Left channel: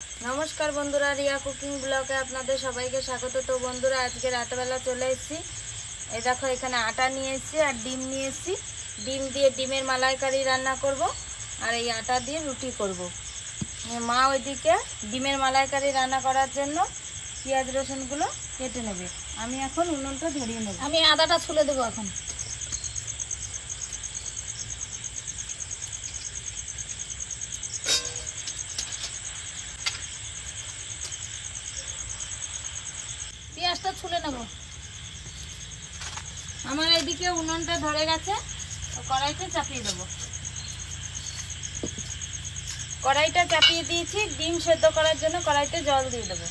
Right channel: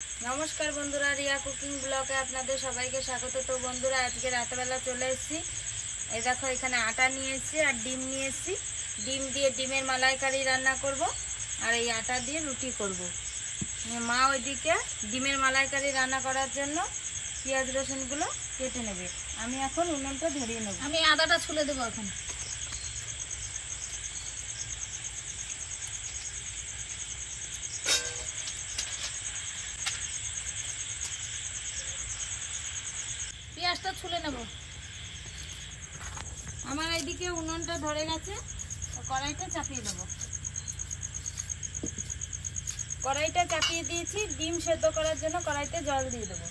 नमस्कार बंधुरा रिया कुकिंग ब्लगे आपनादेर सबाइके स्वागत। तो बंधुरा आज के रातबेला चले एसेছি। এই দেখো এখানে আটা নিয়ে এসেছি আর ডিম নিয়ে এসেছি। ডিম দিয়ে ডিমের মালাইকারি রান্না করব আর এই আটা দিয়ে রুটি করব। মা ওইদিকে ডিমের মালাইকারি রান্না করার জন্য পেঁয়াজ রসুনগুলো কেটে নেবে। আমি এখন উনুনটা ধরিয়ে নেব। আমি আদাটা ছুলে দেবো এখন। পেঁয়াজটা ছুলে নেব। আমার এইদিকে উনুনটা ধরে গেছে, কড়াইতে চাপিয়ে দেবো। কড়াইটা চাপিয়ে দিয়েছি ডিম সেদ্ধ করার জন্য। কড়াইতে জল দিয়ে দেবো।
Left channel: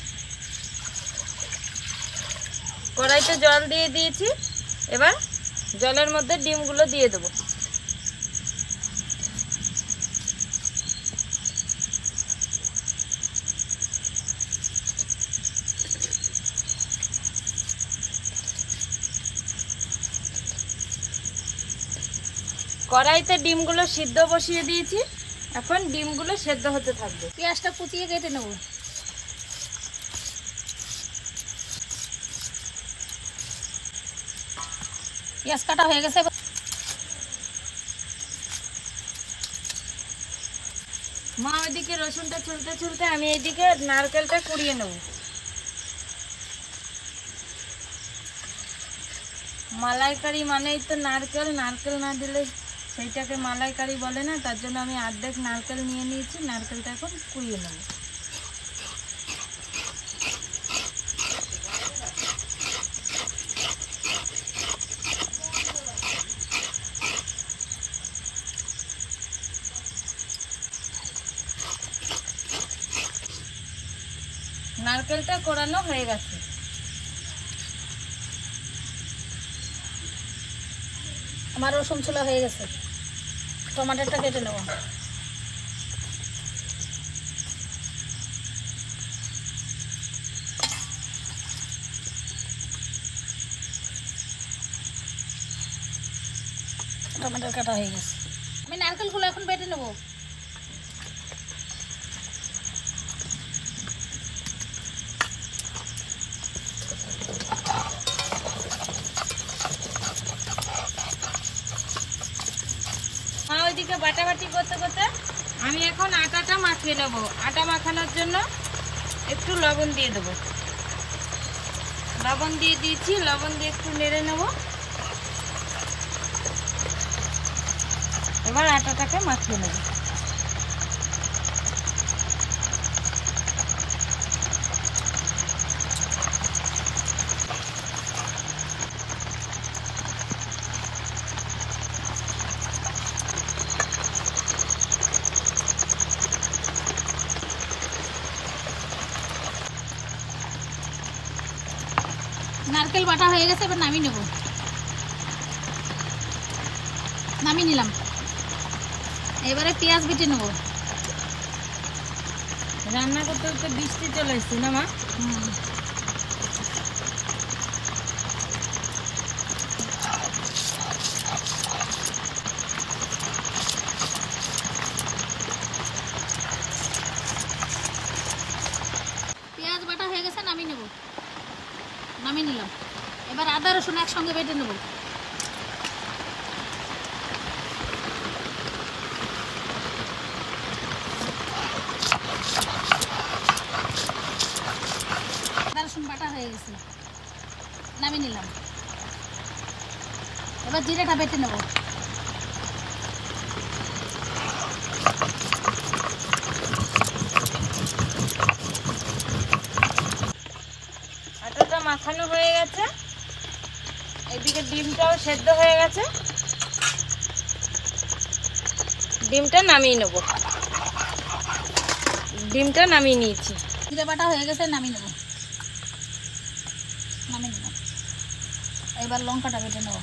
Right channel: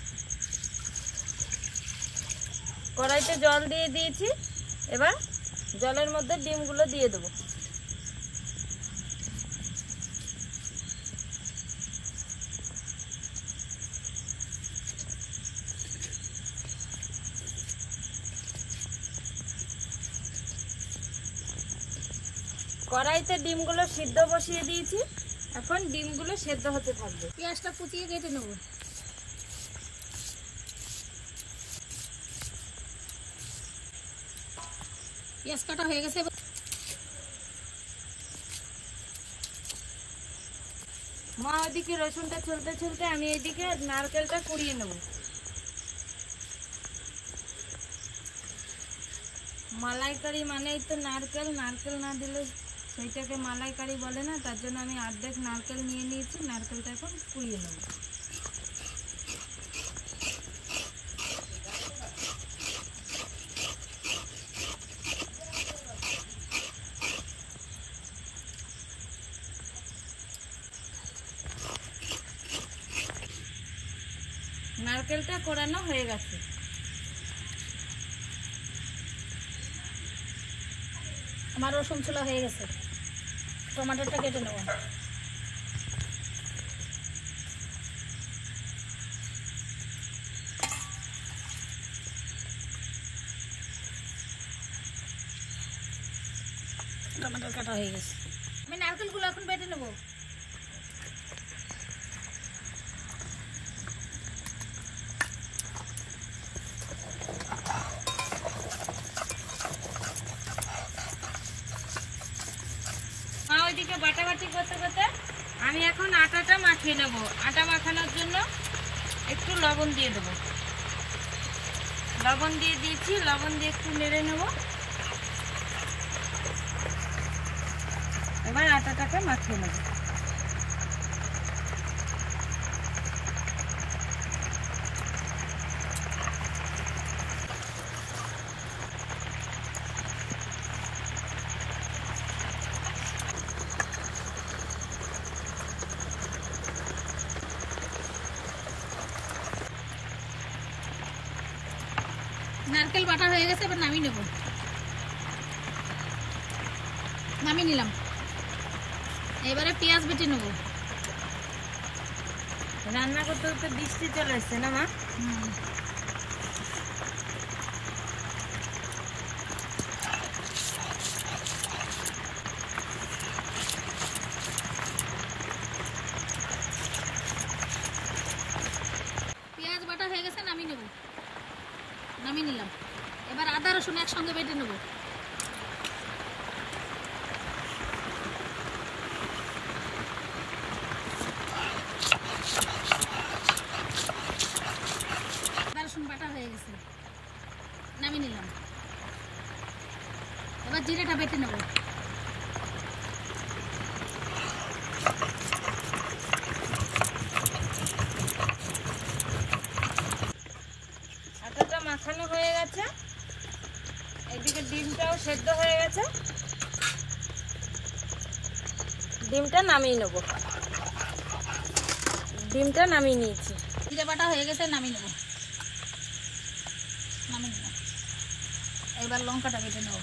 কড়াইতে জল দিয়ে দিয়েছি, এবার জলের মধ্যে ডিমগুলো দিয়ে দেবো। কড়াইতে ডিমগুলো সিদ্ধ বসিয়ে দিয়েছি, এখন ডিমগুলো সেদ্ধ হতে থাকবে। পেঁয়াজটা কুচিয়ে কেটে নেব। পেঁয়াজ কাটা হয়ে গেছে। মা ওইদিকে রসুনটা ছুলতে ছুলতে আমি এইদিকে নারকেলটা কুড়িয়ে নেব। মালাইকারি মানেই তো নারকেল, নারকেল না দিলে সেইটাকে মালাইকারি বলে না। তার জন্য আমি অর্ধেক নারকেল নিয়ে নিয়েছি, নারকেলটা এখন কুড়িয়ে নেব। নারকেলটা কোড়ানো হয়ে গেছে। আমার রসুন ছোলা হয়ে গেছে। টমেটোটা কেটে নেব। টমেটো কাটা হয়ে গেছে। আমি নারকেলগুলো এখন বেটে নেব। ওইদিকে বাটাবাটি করতে করতে আমি এখন আটাটা মাখিয়ে নেব। আটা মাখানোর জন্য একটু লবণ দিয়ে দেবো। লবণ দিয়ে দিয়েছি, লবণ দিয়ে একটু নেড়ে নেব। এবার আটাটাকে মাখিয়ে নেব। নারকেল বাটা হয়ে গেছে, এবার নামিয়ে নেব। নামিয়ে নিলাম। এবারে পেঁয়াজ বেটে নেব। রান্না করতে করতে বৃষ্টি চলে এসছে না মা? পেঁয়াজ বাটা হয়ে গেছে, নামিয়ে নেব। নামিয়ে নিলাম। এবার আদা রসুন একসঙ্গে বেটে নেব। আদা রসুন বাটা হয়ে গেছে, নামিয়ে নিলাম। এবার জিরেটা বেটে নেব। আটাটা মাখানো হয়ে গেছে, এদিকে ডিমটাও সেদ্ধ হয়ে গেছে। ডিমটা নামিয়ে নেব। ডিমটা নামিয়ে নিয়েছি। জিরে বাটা হয়ে গেছে, নামিয়ে নেব। নামিয়ে নিলাম। এবার লঙ্কাটা বেটে নেব।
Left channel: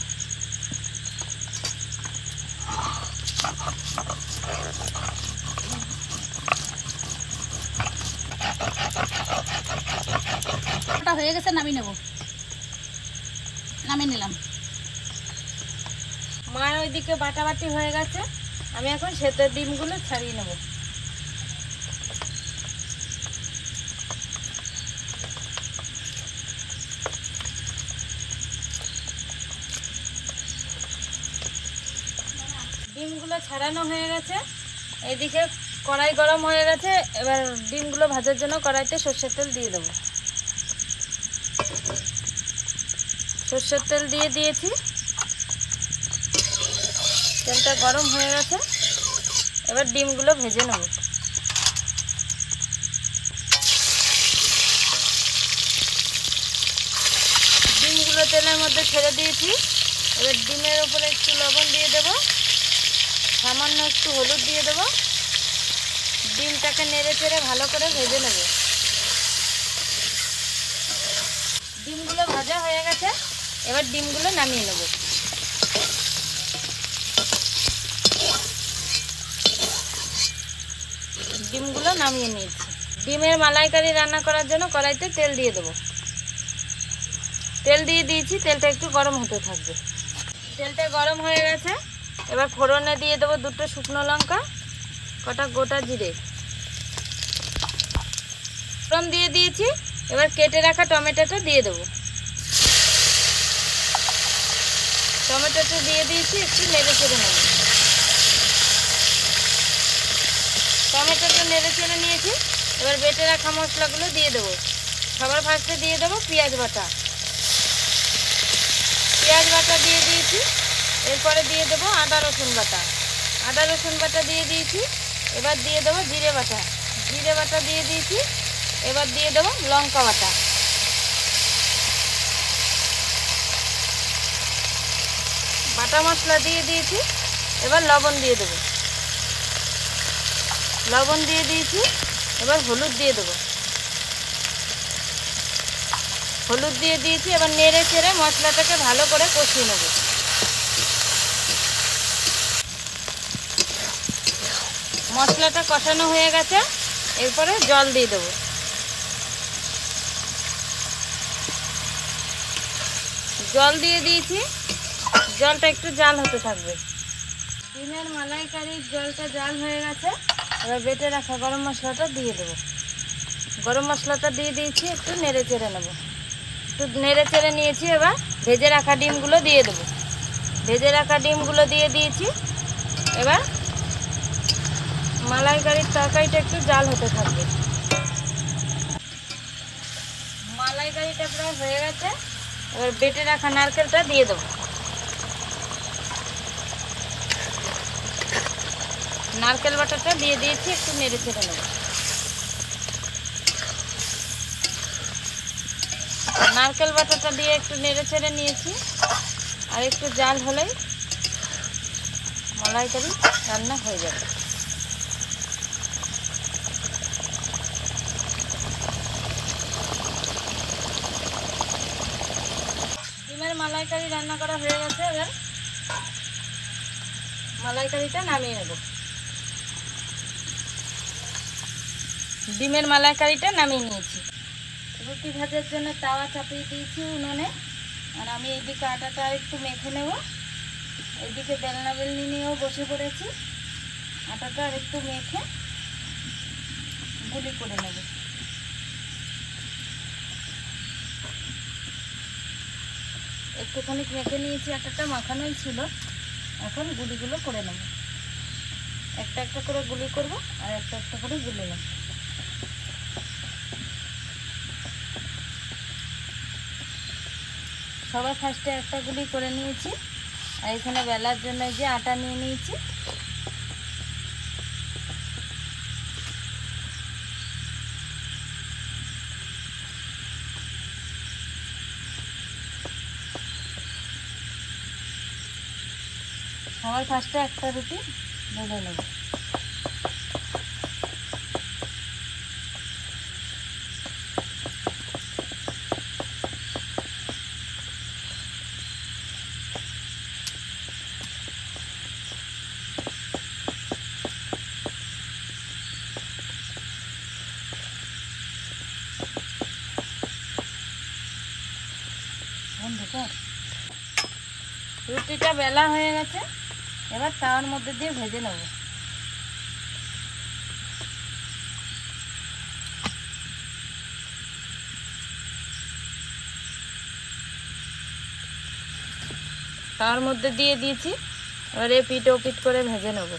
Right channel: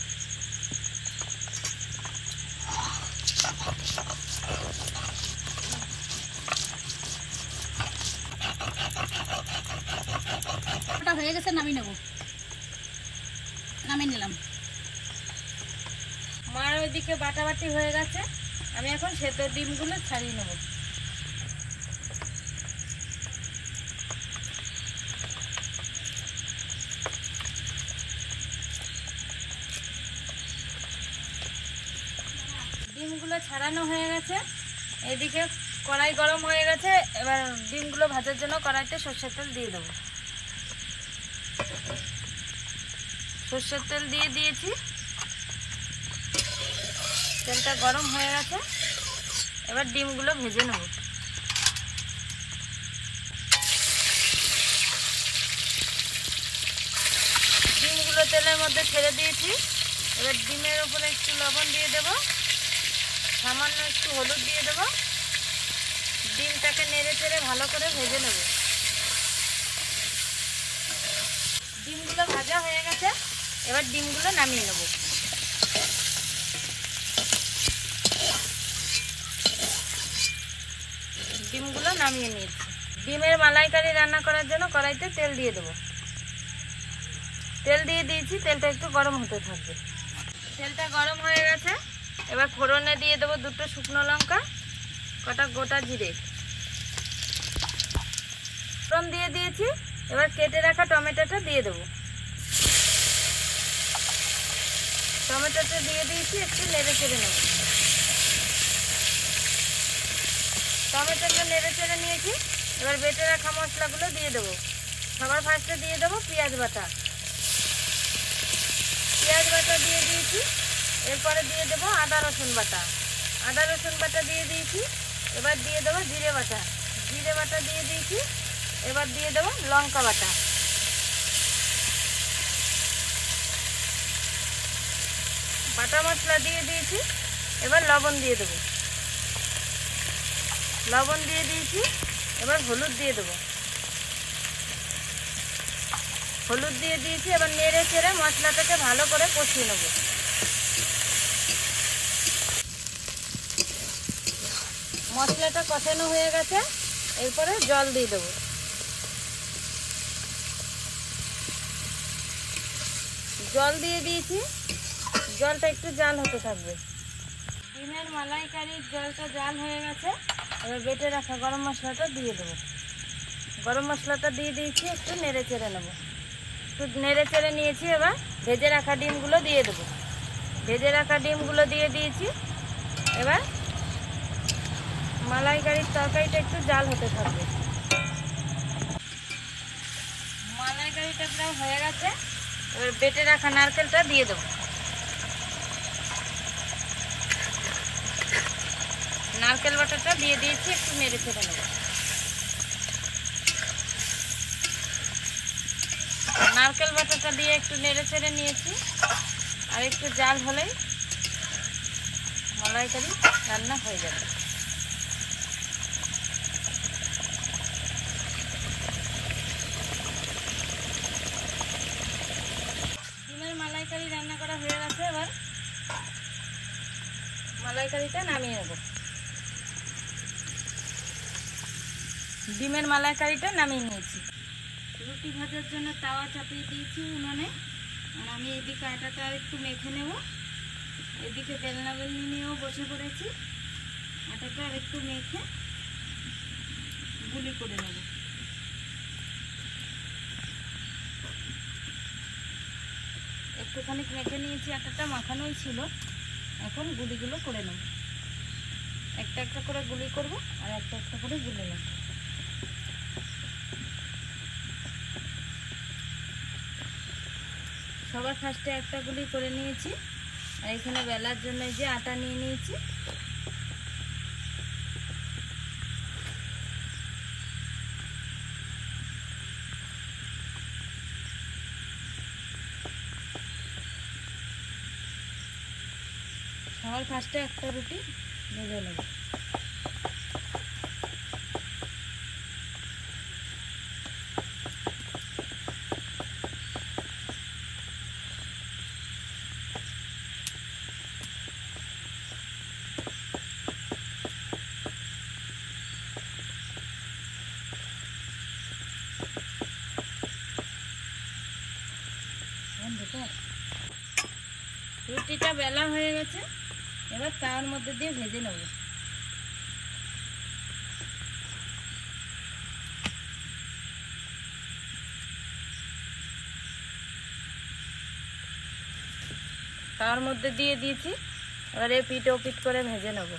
হয়ে গেছে, নামিয়ে নেব। নামিয়ে নিলাম। মার ওইদিকে বাটাবাটি হয়ে গেছে, আমি এখন সেদ্ধ ডিমগুলো ছাড়িয়ে নেব। ডিমগুলো ছাড়ানো হয়ে গেছে। এইদিকে কড়াই গরম হয়ে গেছে। এবার ডিমগুলো ভাজার জন্য কড়াইতে সরষের তেল দিয়ে দেবো। সরষের তেল দিয়ে দিয়েছি, তেলটা গরম হয়ে গেছে। এবার ডিমগুলো ভেজে নেব। ডিমগুলো তেলের মধ্যে ছেড়ে দিয়েছি। এবার ডিমের উপরে একটু লবণ দিয়ে দেবো, সামান্য একটু হলুদ দিয়ে দেবো। ডিমটাকে নেড়ে চেড়ে ভালো করে ভেজে নেব। ডিমগুলো ভাজা হয়ে গেছে। এবার ডিমগুলো নামিয়ে নেব। ডিমগুলো নামিয়ে নিয়েছি। ডিমের মালাইকারি রান্না করার জন্য কড়াইতে তেল দিয়ে দেবো। তেল দিয়ে দিয়েছি, তেলটা একটু গরম হতে থাকবে। তেলটা গরম হয়ে গেছে। এবার ফোড়নে দিয়ে দেবো 2টো শুকনো লঙ্কা, কটা গোটা জিরে। ফোড়ন দিয়ে দিয়েছি। এবার কেটে রাখা টমেটোটা দিয়ে দেবো। টমেটোটা দিয়ে দিয়েছি, একটু নেড়ে চেড়ে নেব। টমেটোটা নেড়ে চেড়ে নিয়েছি। এবার বেটে রাখা মশলাগুলো দিয়ে দেবো। সবার ফার্স্টে দিয়ে দেবো পেঁয়াজ বাটা। পেঁয়াজ বাটা দিয়ে দিয়েছি। এরপরে দিয়ে দেবো আদা রসুন বাটা। আদা রসুন বাটা দিয়ে দিয়েছি। এবার দিয়ে দেবো জিরে বাটা। জিরে বাটা দিয়ে দিয়েছি। এবার দিয়ে দেবো লঙ্কা বাটা। বাটা মশলা দিয়ে দিয়েছি। এবার লবণ দিয়ে দেবো। লবণ দিয়ে দিয়েছি। এবার হলুদ দিয়ে দেবো। হলুদ দিয়ে দিয়েছি। এবার নেড়ে চেড়ে মশলাটাকে ভালো করে কষিয়ে নেব। মশলাটা কষানো হয়ে গেছে। এরপরে জল দিয়ে দেবো। জল দিয়ে দিয়েছি। জলটা একটু জাল হতে থাকবে। ডিমের মালাইকারির জলটা জাল হয়ে গেছে। এবার বেটে রাখা গরম মশলাটা দিয়ে দেবো। গরম মশলাটা দিয়ে দিয়েছি, একটু নেড়ে চেড়ে নেবো। একটু নেড়ে চেড়ে নিয়েছি। এবার ভেজে রাখা ডিমগুলো দিয়ে দেবো। ভেজে রাখা ডিমগুলো দিয়ে দিয়েছি। এবার মালাইকারির তরকারিটা একটু জাল হতে থাকবে। মালাইকারিটা প্রায় হয়ে গেছে। এবার বেটে রাখা নারকেলটা দিয়ে দেবো। নারকেল বাটাটা দিয়ে দিয়েছি, একটু নেড়ে চেড়ে নেব। নারকেল বাটাটা দিয়ে একটু নেড়ে চেড়ে নিয়েছি। আর একটু জাল হলেই মালাইকারি রান্না হয়ে যাবে। ডিমের মালাইকারি রান্না করা হয়ে গেছে। এবার মালাইকারিটা নামিয়ে নেব। ডিমের মালাইকারিটা নামিয়ে নিয়েছি। রুটি ভাজার জন্য তাওয়া চাপিয়ে দিয়েছি উনুনে। আর আমি এইদিকে আটাটা একটু মেখে নেব। এইদিকে বেলনা বেলনি নিয়েও বসে পড়েছি। আটাটা আর একটু মেখে গুলি করে নেব। একটুখানি মেখে নিয়েছি, আটাটা মাখানোই ছিল। এখন গুলিগুলো করে নেব। একটা একটা করে গুলি করব, আর একটা একটা করে গুলে নেব। সবার ফার্স্টে একটা গুলি করে নিয়েছি। আর এখানে বেলার জন্য যে আটা নিয়ে নিয়েছি। সবার ফার্স্টে একটা রুটি বেলে নেব। রুটিটা বেলা হয়ে গেছে। এবার তাওয়ার মধ্যে দিয়ে ভেজে নেব। তাওয়ার মধ্যে দিয়ে দিয়েছি। এবারে পিঠ ও পিঠ করে ভেজে নেব।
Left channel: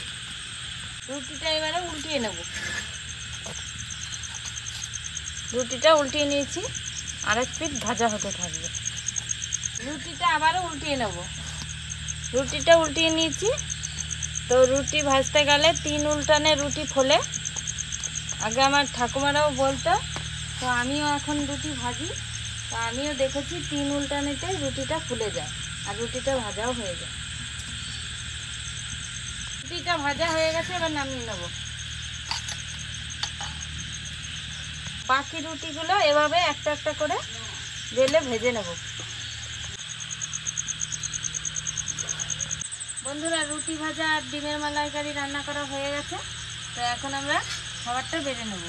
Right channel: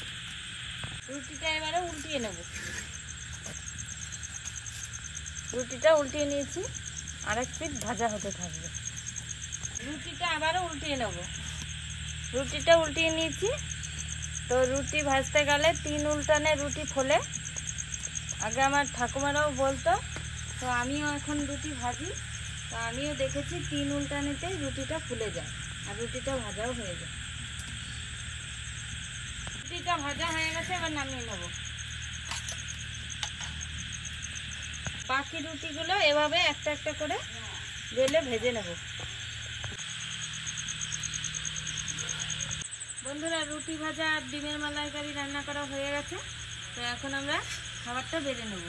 রুটিটা এবারে উল্টিয়ে নেব। রুটিটা উল্টিয়ে নিয়েছি, আরেক পিঠ ভাজা হতে থাকবে। রুটিটা আবারও উল্টিয়ে নেব। রুটিটা উল্টিয়ে নিয়েছি। তো রুটি ভাজতে গেলে 3 উল্টানে রুটি ফোলে, আগে আমার ঠাকুমারাও বলতো। তো আমিও এখন রুটি ভাজি, তো আমিও দেখেছি 3 উল্টানেতে রুটিটা ফুলে যায় আর রুটিটা ভাজাও হয়ে যায়। রুটিটা ভাজা হয়ে গেছে, এবার নামিয়ে নেব। বাকি রুটিগুলো এভাবে একটা একটা করে বেলে ভেজে নেব। বন্ধুরা, রুটি ভাজা আর ডিমের মালাইকারি রান্না করা হয়ে গেছে। তো এখন আমরা খাবারটা বেড়ে নেব।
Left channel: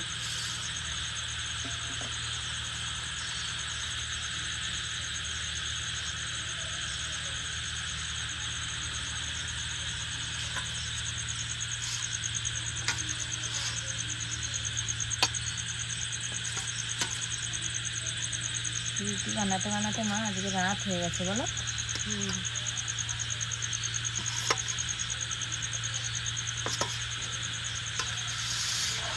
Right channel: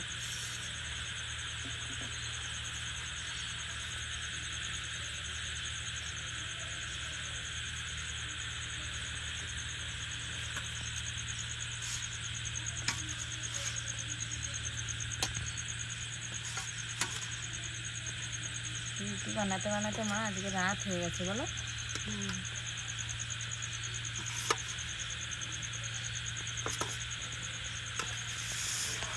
রুটি বানাতে বানাতে মা আজকে রাত হয়ে গেছে বলো।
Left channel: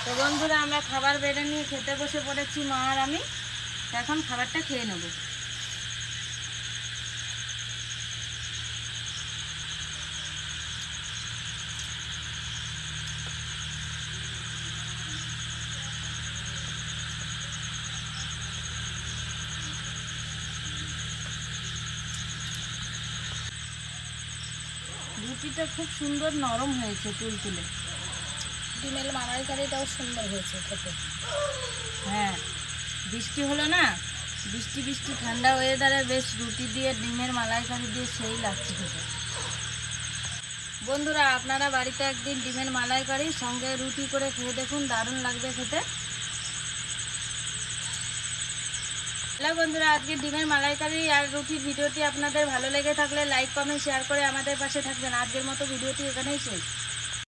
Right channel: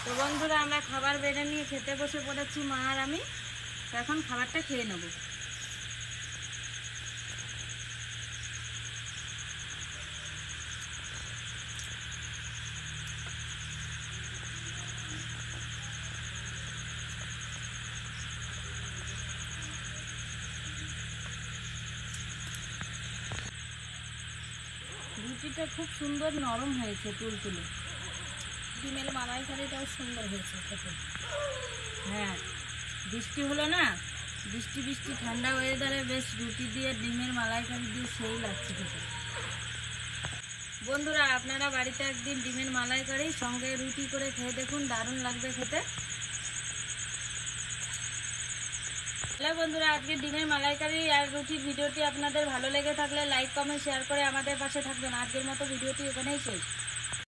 তো বন্ধুরা, আমরা খাবার বেড়ে নিয়ে খেতে বসে পড়েছি মা আর আমি। এখন খাবারটা খেয়ে নেব। রুটিটা খুব সুন্দর নরম হয়েছে, তুলতুলে। ডিমের মালাইকারিটাও সুন্দর হয়েছে খেতে। হ্যাঁ, বৃষ্টি হলো না, বৃষ্টি বৃষ্টি ঠান্ডা ওয়েদারে বেশ রুটি দিয়ে ডিমের মালাইকারি দিয়ে সেই লাগছে খেতে। বন্ধুরা, আপনারা বাড়িতে একদিন ডিমের মালাইকারি সঙ্গে রুটি করে খেয়ে দেখুন, দারুণ লাগবে খেতে। হ্যালো বন্ধুরা, আজকে ডিমের মালাইকারি আর রুটির ভিডিওটি আপনাদের ভালো লেগে থাকলে লাইক কমেন্ট শেয়ার করে আমাদের পাশে থাকবেন। আজকের মতো ভিডিওটি এখানেই শেষ।